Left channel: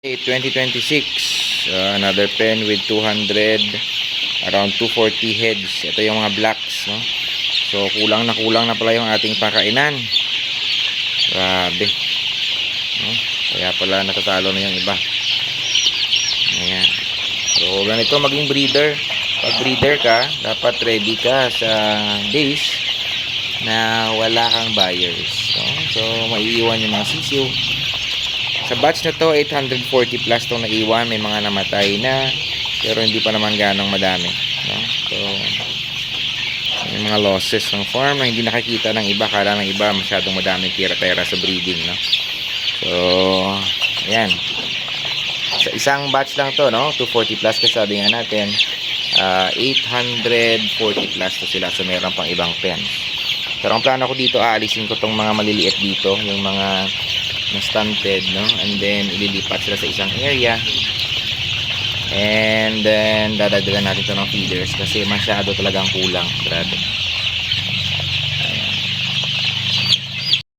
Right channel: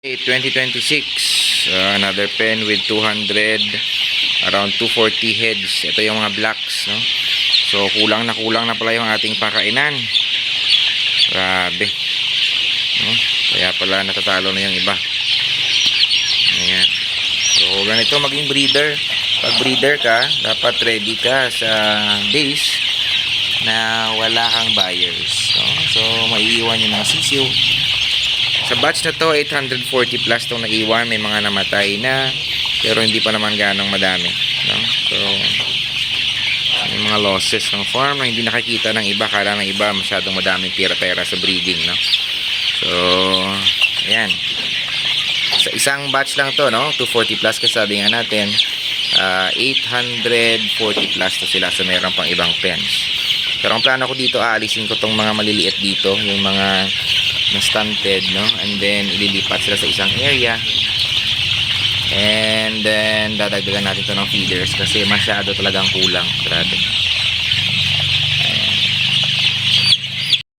2026, another pen with 200, around 240 heads. Ito yung mga blacks, no? So kulang na pala yung ating pakainan. Grabe, no? Kaya pala natatalo na yung iba. Ayan. So ganito maging breeder. Pag breeder ka, dapat ready ka sa days na wala kang buyers, no? So maiiwan yung mga sisiw. Sa batch na to, 840 plus itong naiwan. May mga namatay na, pero hindi pa naman ganong madami, no? So may mga losses ng farm na hindi nakikita ng iba. Kala ng iba masyadong madaming pera-pera sa breeding, no? So ayan, sa isang batch lang to, no? 240 plus kasi sabi nga natin, 840 plus to sila. So meron pang ibang pens. Pero ang plano ko dito, aalisin ko tong mga maliliit dito, yung mga na stunted, no? And then ililipat sila sa isang area, and then dadagdagan natin to ng feeders kasi masyado talagang kulang. Grabe.